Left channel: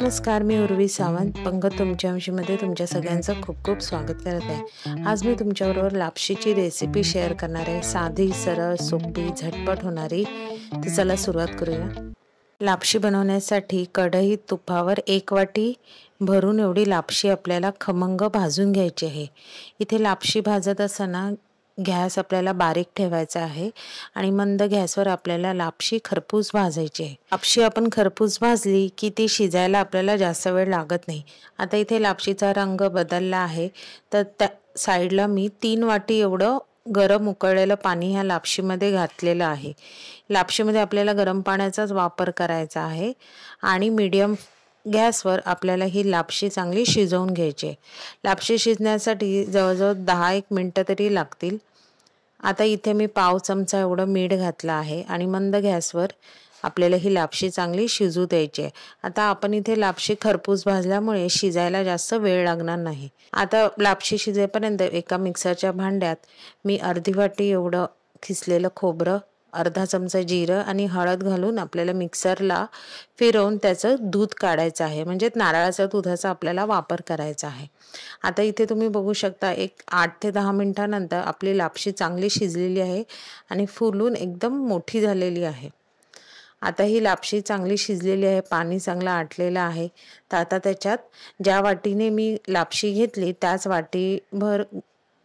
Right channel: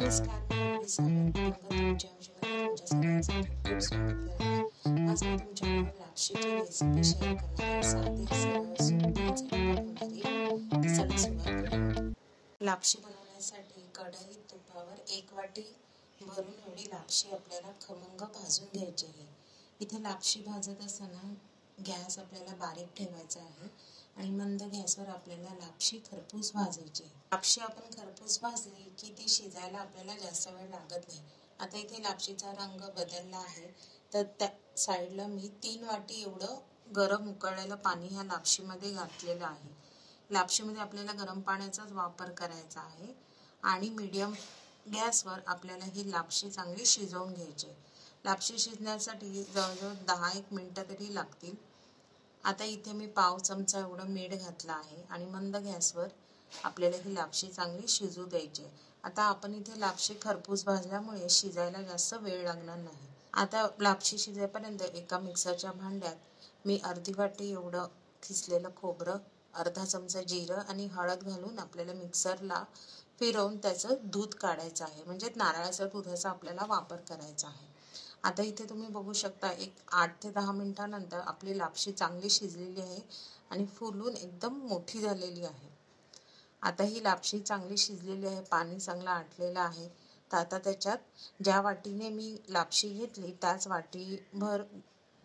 नमस्कार, मी उर्वी सावंत पंगत तुमच्या अंशीमध्ये तुमच्या सगळ्यांचं खूप खूप स्वागत करत आहे। आज मी तुमच्याबरोबर लापशीची रेसिपी शेअर करणार आहे। साधी, सरळ, सोपी, झटपट होणारी। तर चला सुरुवात करूया। लापशी बनवण्यासाठी कढईत तुपावर 1 वाटी भरून एवढी लापशी आपल्याला खमंग भाजून घ्यायची आहे। इथे लापशी भाजत असताना गॅस आपल्याला बारीक ठेवायचा आहे आणि मंद गॅसवर आपल्याला लापशी खरपूस भाजायची आहे। लापशी आपण खरपूस भाजली की ती शिजायला आपल्याला जास्त वेळ लागत नाही। आता इथे लापशीचा रंग बदलला आहे, तर त्या साईडला मी 3 वाटी एवढं गरम उकळलेलं पाणी ह्या लापशीमध्ये घातलेलं आहे। लापशीमध्ये आपल्याला गरम पाण्याचाच वापर करायचा आहे आणि मीडियम गॅसवर आपल्याला ही लापशी चांगली शिजवून घ्यायची आहे। लापशी शिजण्यासाठी जवळजवळ 10-1 मिनिटं तरी लागतील। आता इथे मी पाव चमचा एवढं मीठ घातलं आहे आणि मंद गॅसवर आपल्याला ही लापशी चांगली शिजू द्यायची आहे। आता आपण इथे लापशी खरपूस भाजल्यामुळे शिजायला जास्त वेळ लागणार नाही। आता लापशी शिजेपर्यंत एका मिक्सरच्या भांड्यात मी अर्धी वाटी एवढं खिसलेलं खोबरं, अर्धा चमचा जिरं आणि हळद घालून आपल्याला मिक्सरला फिरवून त्याचं दूध काढायचं आहे, म्हणजे नारळाच्या दुधाचा आपल्याला वापर करायचा आहे। आता इथे तुम्ही बघू शकता एक 8 ते 10 मिनिटांनंतर आपली लापशी चांगली शिजलेली आहे आणि फुलून एकदम मोठी झालेली आहे। आता ही लापशी चांगली शिजलेली आहे, पाणी चांगलं आटलेलं आहे। तर आता त्याच्यात ज्या वाटीने मी लापशी घेतली त्याच वाटीभर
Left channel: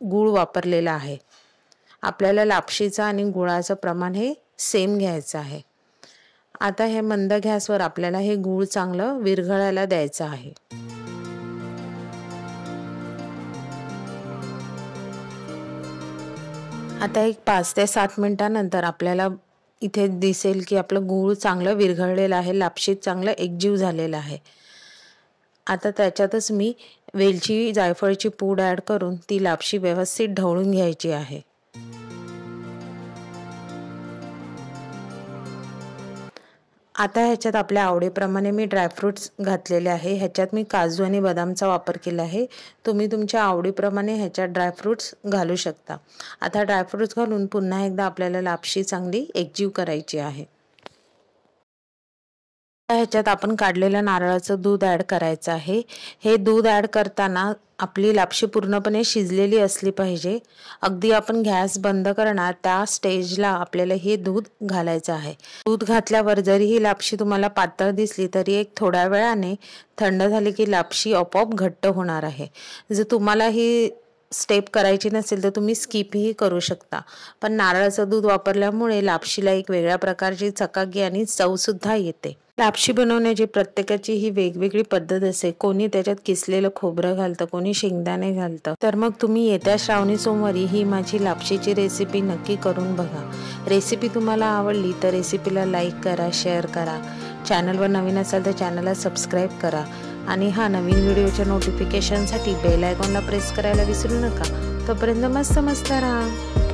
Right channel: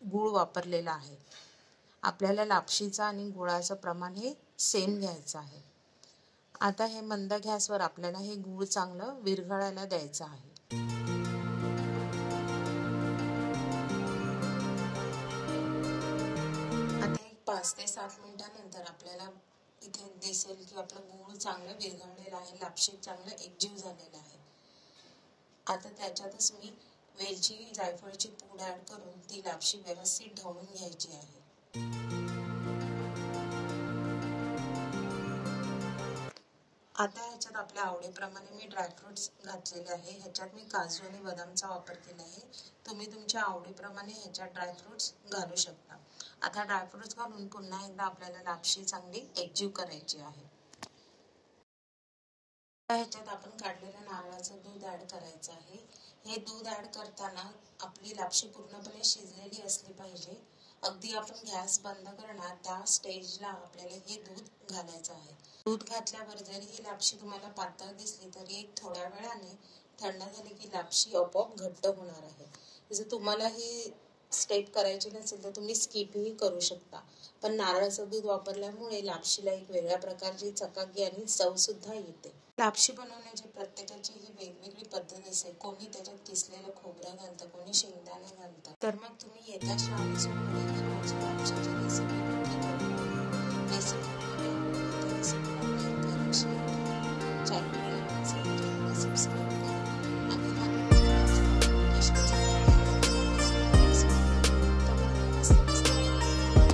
गूळ वापरलेला आहे। आपल्याला लापशीचं आणि गुळाचं प्रमाण हे सेम घ्यायचं आहे। आता हे मंद गॅसवर आपल्याला हे गूळ चांगलं विरघळायला द्यायचं आहे। आता एक 5 ते 7 मिनिटांनंतर आपल्याला इथे दिसेल की आपलं गूळ चांगलं विरघळलेलं आहे, लापशीत चांगलं एकजीव झालेलं आहे। आता त्याच्यातच मी वेलची, जायफळची पूड ॲड करून ती लापशी व्यवस्थित ढवळून घ्यायची आहे। आता ह्याच्यात आपल्या आवडीप्रमाणे मी ड्रायफ्रूट्स घातलेले आहे। ह्याच्यात मी काजू आणि बदामचा वापर केला आहे। तुम्ही तुमच्या आवडीप्रमाणे ह्याच्यात ड्रायफ्रूट्स घालू शकता। आता ड्रायफ्रूट्स घालून पुन्हा एकदा आपल्याला लापशी चांगली एकजीव करायची आहे। ह्याच्यात आपण काढलेलं नारळाचं दूध ॲड करायचं आहे। हे दूध ॲड करताना आपली लापशी पूर्णपणे शिजलेली असली पाहिजे। अगदी आपण गॅस बंद करणार त्या स्टेजला आपल्याला हे दूध घालायचं आहे। दूध घातल्यावर जरी ही लापशी तुम्हाला पातळ दिसली तरी एक थोड्या वेळाने थंड झाली की लापशी आपोआप घट्ट होणार आहे। जर तुम्हाला ही स्टेप करायची नसेल तर तुम्ही स्किपही करू शकता, पण नारळाचं दूध वापरल्यामुळे लापशीला एक वेगळ्या प्रकारची चकाकी आणि चवसुद्धा येते। लापशी बनवण्याची प्रत्येकाची ही वेगवेगळी पद्धत असते। कोणी त्याच्यात किसलेलं खोबरं घालतं, कोणी शेंगदाणे घालतं। तर मग तुम्ही येत्या श्रावणी सोमवारी ही माझी लापशीची रेसिपी नक्की करून बघा। रेसिपी तुम्हाला आवडली तर रेसिपीला लाईक करा, शेअर करा। चॅनलवर नवीन असाल तर चॅनलला सबस्क्राईब करा आणि नवीन व्हिडिओच्या नोटिफिकेशनसाठी बेल आयकॉनला प्रेस करायला विसरू नका। तोपर्यंत मस्त राहा।